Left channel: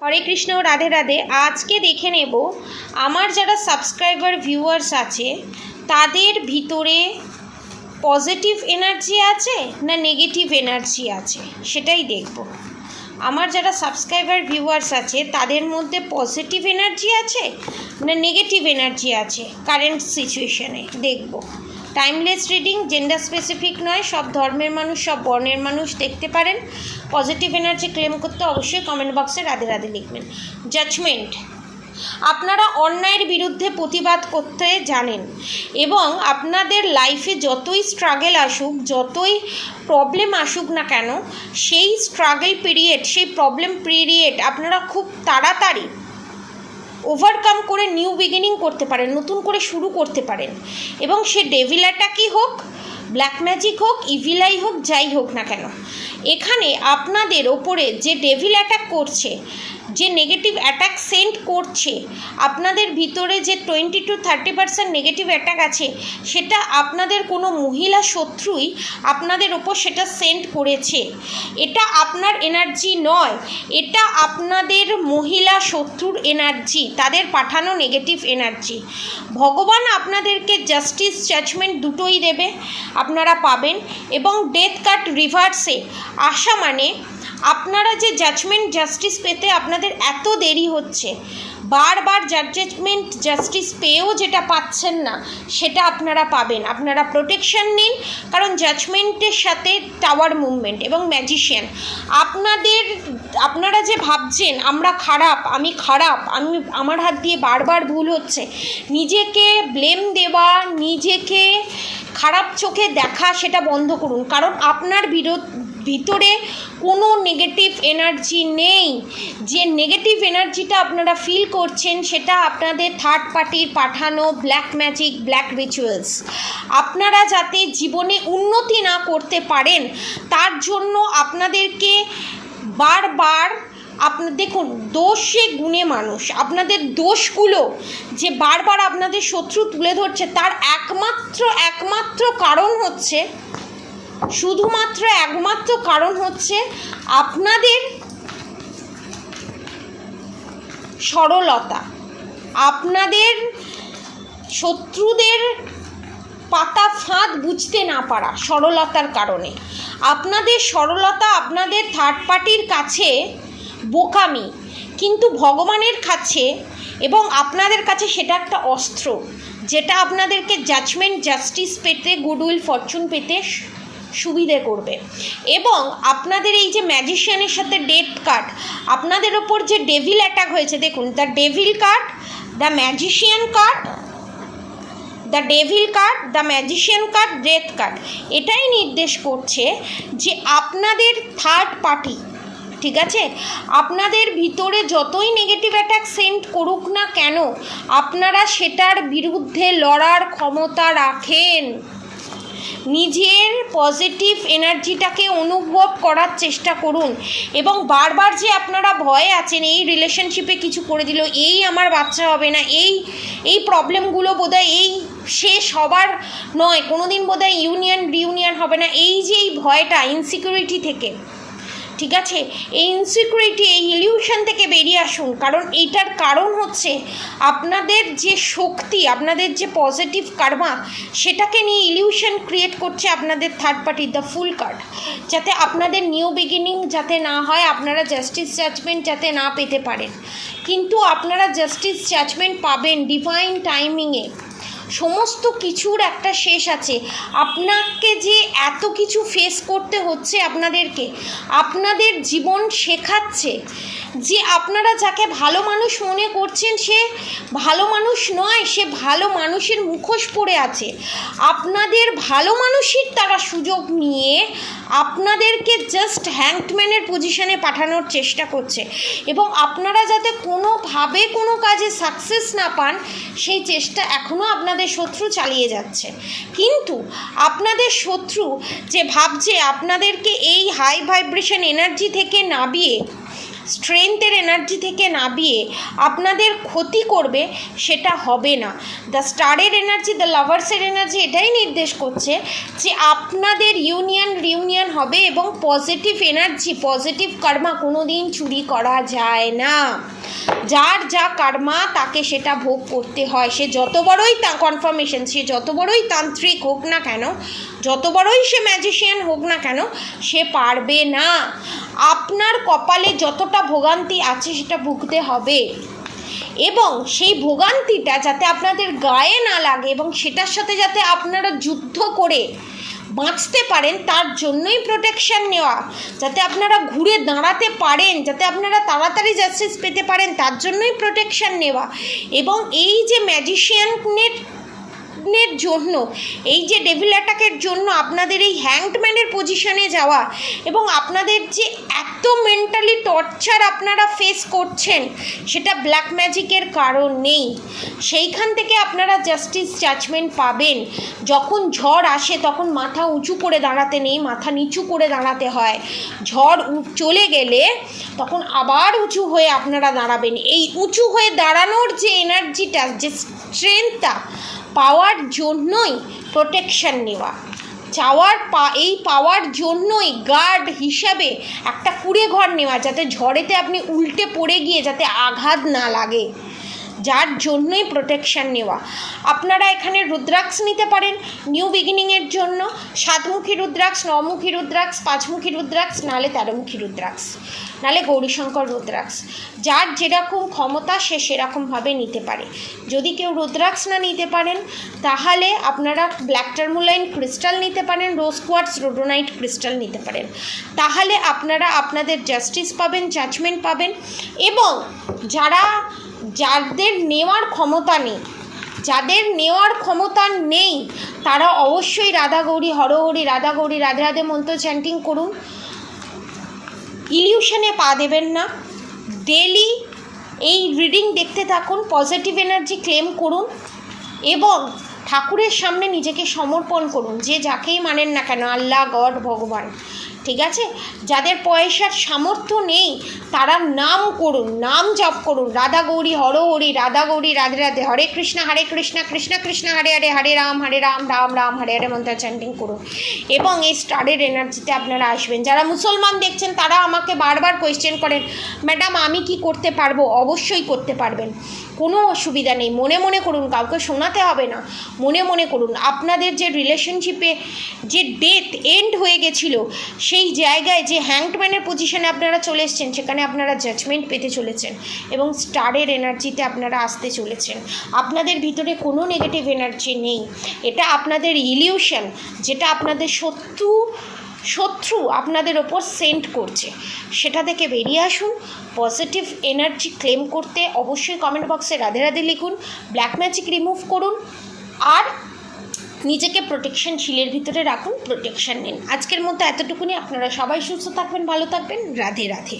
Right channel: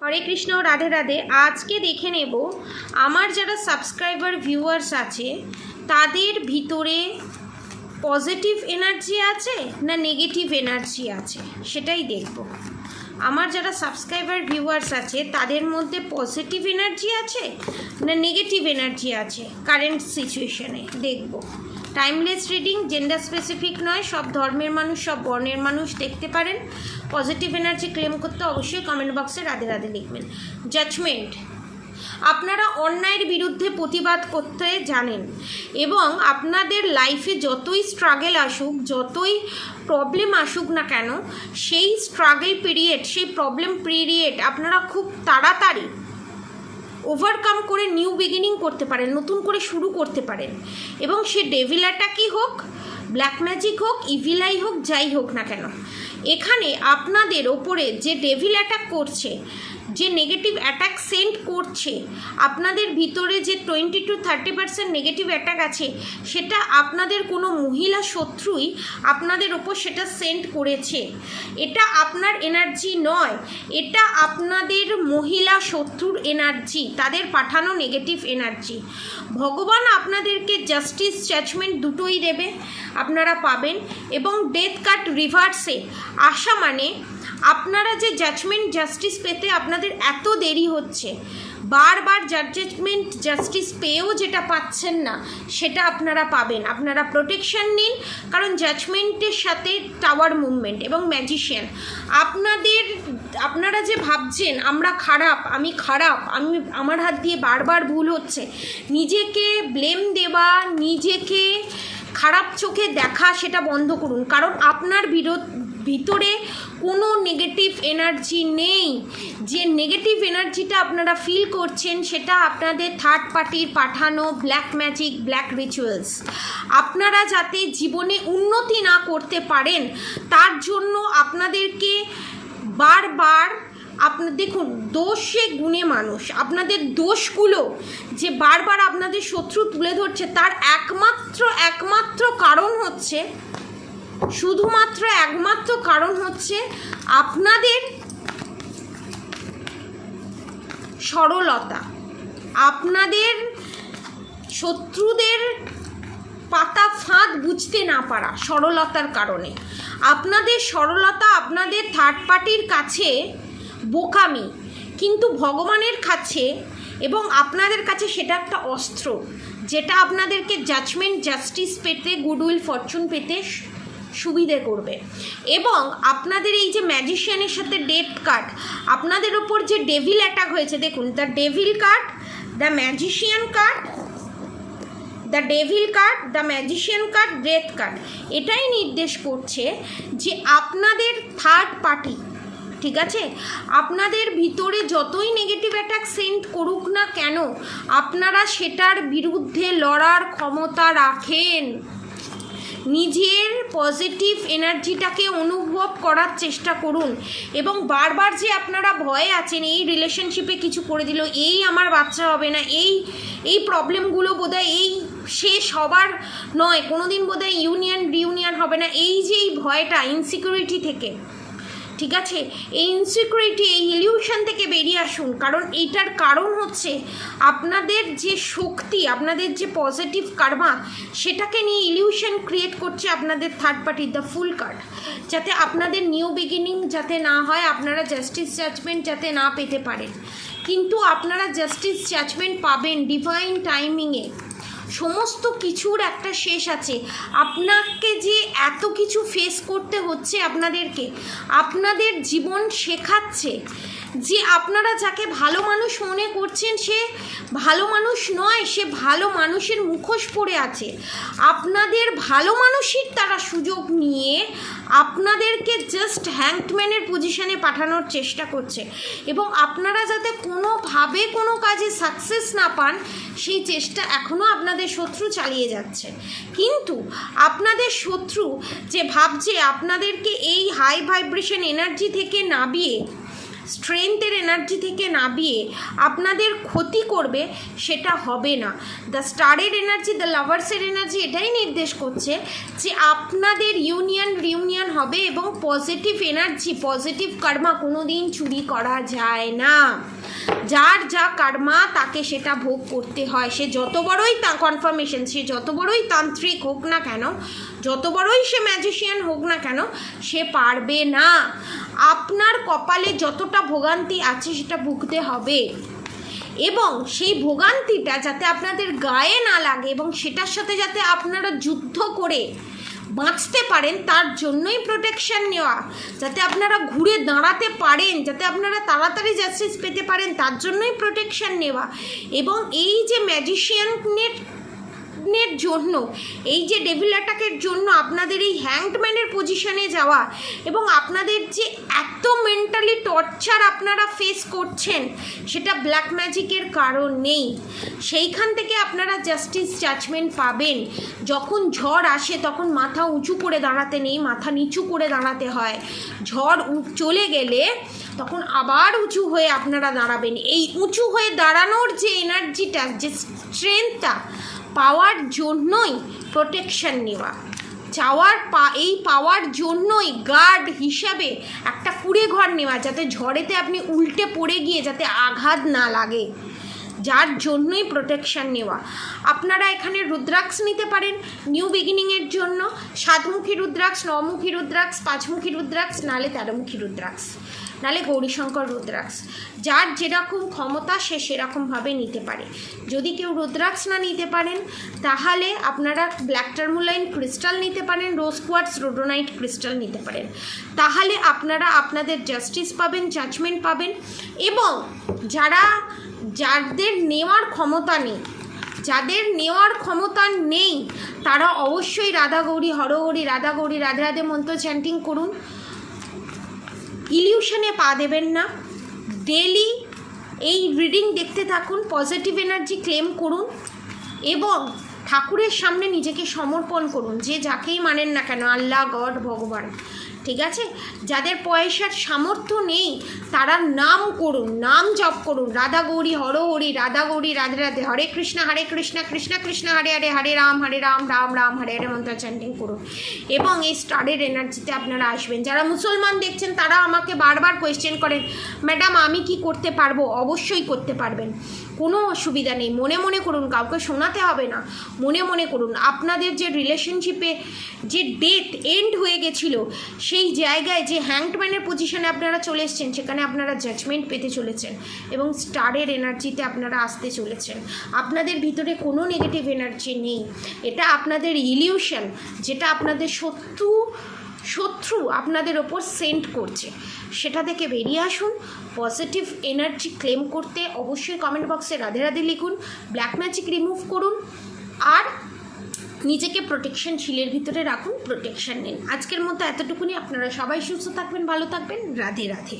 হরে কৃষ্ণ, রাধে রাধে। আজকে দেখে নেব আমার যারা সাবস্ক্রাইবার ভিউয়ার্স আছে তাদের ভিতরে পজিটিভ এনার্জি আছে না নেগেটিভ এনার্জি আছে, সেটাই দেখব। আমার যারা সাবস্ক্রাইবার ভিউয়ার্স আছে তাদের মধ্যে পজিটিভ এনার্জি আছে না নেগেটিভ এনার্জি আছে কারেন্ট সিচুয়েশনে, দেখব। টাইমলেস রিডিং, জেন্ডার স্পেসিফিক নয়, সব ধর্মের মানুষ, সব বর্ণের মানুষ দেখতে পারেন। পজিটিভ এনার্জি ক্লেম করতে অবশ্যই কমেন্ট বক্সে রাধে রাধে লিখবেন। জাজমেন্ট, আপনারা অন্যায়ের বিরুদ্ধে প্রতিবাদ করতে জানেন এবং আপনাদের লাইফে যতই স্ট্রাগল আসুক, যতই প্রবলেম আসুক না কেন, সেই স্ট্রাগল পিরিয়ড, সেই প্রবলেম পিরিয়ড আপনারা খুব তাড়াতাড়ি ওভারকাম করে নিউ বিগিনিং করতে পারেন, নতুন করে শুরু করতে পারেন। এবং সে ডেভিল অ্যাটাকই হোক, ব্ল্যাক ম্যাজিক হোক, ইভিল আই হোক, যাই হোক না কেন, এখানে আপনাদের ওপরে যে ডেভিল অ্যাটাক করছে, যে নেগেটিভ অ্যাটাক সেন্ড করছে, আপনাদের ভিতরে যে 20 to 30% নেগেটিভ অ্যাটাক আছে, সেটা আপনাদের কোনো মহিলা শত্রুই আপনাদের ওপর সেটা সেন্ড করেছে। এটা আপনার এনার্জি নয়, এটা আপনাদের মহিলা শত্রুর এনার্জি, তাদের পাঠানো নেগেটিভ এনার্জি। ভগবান আপনাদেরকে জাস্টিস, জাজমেন্ট দুটোই দেবে, আপনারা পাবেন। এবং ডেথ কার্ড রিভার্সে আসা মানে আপনারা যে জাজমেন্ট, জাস্টিস পেতে আপনাদের এত দেরি হচ্ছে, বারবার জাজমেন্ট, জাস্টিস পেয়েও যেটা পাচ্ছেন না সেটা আপনারা পাবেন। আপনারা প্রোটেকশন নিন, কারণ জাজমেন্টের সাথে টাওয়ার মুভমেন্ট এবং ম্যাজিশিয়ান। আপনারা যে ভাবছেন আমরা খারাপ, আমি খারাপ, আমার হাত দিয়ে বারবার ভুল হচ্ছে, নিজেকে ব্লেম দেওয়া, নিজেকে খারাপ চোখে দেখা, সেটা বন্ধ করুন। কারণ আপনার ভিতরে কোনো নেগেটিভ এনার্জি নেই। যে নেগেটিভ এনার্জিটা আপনারা ফিল করছেন সেটা আপনাদের থার্ড পার্টির পাঠানো ব্ল্যাক ম্যাজিক, ব্ল্যাক রিচুয়ালস। আপনারা যাতে জীবনে উন্নতি না করতে পারেন তার জন্য আপনাদেরকে বারবার, দেখুন, দোষে গুণে মানুষ, আপনাদের দোষগুলো যে বারবার আপনাদের শত্রু তুলে ধরছে, তার একমাত্র কারণ হচ্ছে, শুধুমাত্র একমাত্র কারণ হচ্ছে আপনাদের সরলতা, আপনাদের শত্রুদের পাতা ফাঁদ বুঝতে না পারা, সরলতার কারণে। আপনাদের সরলতা আপনাদের থার্ড পার্টির কাছে বোকামি, কিন্তু ভগবানের কাছে এবং আপনাদের কাছে সেটা একটা অস্ত্র, যেটা আপনাদেরকে জাজমেন্ট, জাস্টিস পেতে, গুডউইল, ফরচুন পেতে সুবিধে করবে। এবং আপনাদের এই যে ম্যাজিশিয়ানের সাথে ডেথ কার্ড, আপনাদের ওপর যে ডেভিল অ্যাটাক হয়েছে, দেখুন, the devil card, the magician card, the devil card, the magician card, death card, এটাই নির্দেশ করছে যে আপনাদের থার্ড পার্টি, ঠিক আছে, আপনাদের ভিতরে যতই নেগেটিভ অ্যাটাক সেন্ড করুক না কেন, আপনারা সেটার বিরুদ্ধে লড়ার ক্ষমতা রাখেন। নিজের পজিটিভ এনার্জিটাকে অনুভব করার চেষ্টা করুন। এবং বারবার যে আপনারা ভয়ে আছেন, এই রিলেশনশিপে কিছু করে দিল, এই আমার বাচ্চা হবে না, এই প্রবলেমগুলো বোধহয় এই শেষ হবার নয়, কোনো দিন বোধহয় রিউনিয়ন হবে না, এই যে এই ভয়টা, ইনসিকিউরিটি থেকে, ঠিক আছে, এই ইনসিকিউরিটি, এই ইলিউশন থেকে বেরিয়ে আসুন। কারণ এইটার কারণ হচ্ছে আপনাদের যে শক্তি, আপনাদের যে পজিটিভ কার্মা, সেটাকে নিয়ে ইলিউশন ক্রিয়েট করছে আপনাদের third party, the fool card. যাতে আপনাদের নিউ বিগিনিং যাতে না হয়, আপনারা জাস্টিস, জাজমেন্ট যাতে না পেতে পারেন। কিন্তু আপনারা জাস্টিস, জাজমেন্ট পাবেন ডিভাইন টাইমিংয়ে। সমস্ত কিছুর একটা শেষ আছে। আপনাকে যে এত কিছু ফেস করতে হচ্ছে, আপনাদের জীবন শেখাচ্ছে যে আপনারা যাকে ভালো মানুষ মনে করছেন সে ভালো মানুষ নয়, সে ভালো মানুষের মুখোশ পরে আছে। আপনাদের ভালো মানুষের তারা সুযোগ নিয়ে আপনাদেরকে জাস্ট হ্যাংডম্যানের পজিশনে পাঠানোর চেষ্টা করছে। এবং আপনারা যাতে কোনোভাবে কোনো কাজে সাকসেস না পান, সেই চেষ্টা এখনও আপনাদের শত্রু চালিয়ে যাচ্ছে। কিন্তু আপনাদের শত্রু যে ভাবছে আপনাদেরকে এই হাই ভাইব্রেশন এনার্জি থেকে নামিয়ে, স্ট্রেংথের এনার্জি থেকে নামিয়ে আপনাদের ক্ষতি করবে, সেটা হবে না। দ্য স্টারের এনার্জি, দ্য লাভার্সের এনার্জি এটাই নির্দেশ করছে যে আপনাদের রিউনিয়ন হবে এবং পজিটিভ এনার্জি, পজিটিভ কর্মা কোনো দিন চুরি করা যায় না। যার যা কর্মা তাকে সেটা ভোগ করতে হয়। সে যত বড়ই কনফার্মেশন, সে যত বড়ই তান্ত্রিক হোক না কেন, যত বড়ই সে ম্যাজিশিয়ান হোক না কেন, সে পারবে না। আপনার কপালে যতটা ভোগান্তি আছে সেটা ভুগতে হবে, এবং সেই ভোগান্তিটা যাতে আপনাদের গায়ে না লাগে এবং সেটার সাথে যাতে আপনারা যুদ্ধ করে বাঁচতে পারেন, তার জন্যই প্রোটেকশন নেওয়া। যাতে আপনারা ঘুরে দাঁড়াতে পারেন, যাতে আপনারা তাড়াতাড়ি জাস্টিস পেতে পারেন, তার জন্যই প্রোটেকশন নেওয়া। এবং এই যে ম্যাজিশিয়ানের জন্য, এই যে ডেভিল অ্যাটাকের জন্য আপনাদের এই হ্যাংডম্যানের পজিশনে যাওয়া, এবং আপনাদের যে এত মেন্টালি টর্চার আপনারা ফেস করছেন, সেটা ব্ল্যাক ম্যাজিকের কারণ নেই। সেইখান থেকে আপনারা জাস্টিস জাজমেন্ট পাবেন। যখন ঝড় আসে তখন মাথা উঁচু করে দাঁড়াতে নেই, মাথা নিচু করে দাঁড়াতে হয়। ঝড় চলে গেলে তখন আবার উঁচু হয়ে আপনারা দাঁড়াবেন। এই উঁচু হয়ে দাঁড়ানোর যে এনার্জিটা, যে স্ট্রেংথটা পাওয়ার জন্যই প্রোটেকশন নেওয়া, এই পাওয়ার জন্যই গার্ড হিসাবে একটা কুঁড়ে ঘর নেওয়া, যাতে ঝড়েতে আপনি উল্টে পড়ে গিয়ে যাতে আঘাত না লাগে, যার জন্যই প্রোটেকশন নেওয়া। আপনারা এখানে রুদ্রাক্ষ নিতে পারেন নিউ বিগিনিংয়ের জন্য, 7মুখী রুদ্রাক্ষ, 9মুখী রুদ্রাক্ষ, 5মুখী রুদ্রাক্ষ, নাহলে 13মুখী রুদ্রাক্ষ, নাহলে গৌরীশঙ্কর রুদ্রাক্ষ। যার যেরকম ক্ষমতা সে সেরকমভাবে নিতে পারে। যদি কেউ রুদ্রাক্ষ না নিতে পারেন তাহলে আপনারা ব্ল্যাক টার্মোলাইন ক্রিস্টাল নিতে পারেন, রোজ কোয়ার্টজ রোডোনাইট ক্রিস্টাল নিতে পারেন। তাহলে আপনারা আপনাদের জাস্টিস পাবেন, জাজমেন্ট পাবেন। এবং যাদের নেওয়ার ক্ষমতা নেই, তারা অবশ্যই রাধা গৌরী হরহরি, রাধা গৌরী রাধে রাধে মন্ত্র চ্যান্টিং করুন। ইলিউশনে পা দেবেন না। ডেলি এই রিডিং দেখতে থাকুন, পজিটিভ এনার্জি ক্লেম করুন এবং ঠাকুরের সামনে নিজেকে সমর্পণ করুন। যে যাকেই মানেন না কেন, আল্লাহ, গড, ভগবান, ঠিক আছে? যাদের পয়সার সামর্থ্য নেই তারা নাম করুন, নাম জপ করুন, রাধা গৌরী হরহরি, রাধা গৌরী রাধে রাধে, হরে কৃষ্ণ কৃষ্ণ কৃষ্ণ হরে হরে, হরে রাম রাম রাম হরে হরে মন্ত্র চ্যান্টিং করুন। এবং এই স্টারের এনার্জিতে আপনারা আসবেন। যারা মুসলমান দেখছেন তারা আমাকে বারবার কোয়েশ্চেন করেন, ম্যাডাম আমি কি করতে পারবো? অবশ্যই করতে পারবেন, কোনো অসুবিধা নেই। মনে মনে করুন, কাউকে শোনাতে হবে না, মনে মনে করুন। আপনাদের যে রিলেশনশিপে যে ডেথ এন্ড হয়ে গেছিলো, সেই জায়গায় যে হ্যাংডম্যানের পজিশনে আপনারা চলে এসেছেন, সেখানে আপনারা জাজমেন্ট পেতে চলেছেন এবং স্টারের এনার্জিতে আপনারা আসতে চলেছেন। আপনাদের ভিতরে কোনো নেগেটিভ এনার্জি নেই। এটা আপনাদের ইলিউশন, যেটা আপনাদের শত্রু আপনাদের ওপর সেন্ড করছে, সেটা থেকে বেরিয়ে আসুন। পজিটিভ এনার্জি ক্লেম করতে অবশ্যই কমেন্ট বক্সে রাধে রাধে লিখুন, ব্ল্যাক ম্যাজিক রিমুভ করুন, আর নিজেকে প্রোটেকশন শিলের ভিতরে রাখুন, প্রোটেকশন নিন। আজকের মতো এতটুকুনি। আপনারা সবাই সুস্থ থাকবেন, ভালো থাকবেন। রাধে রাধে।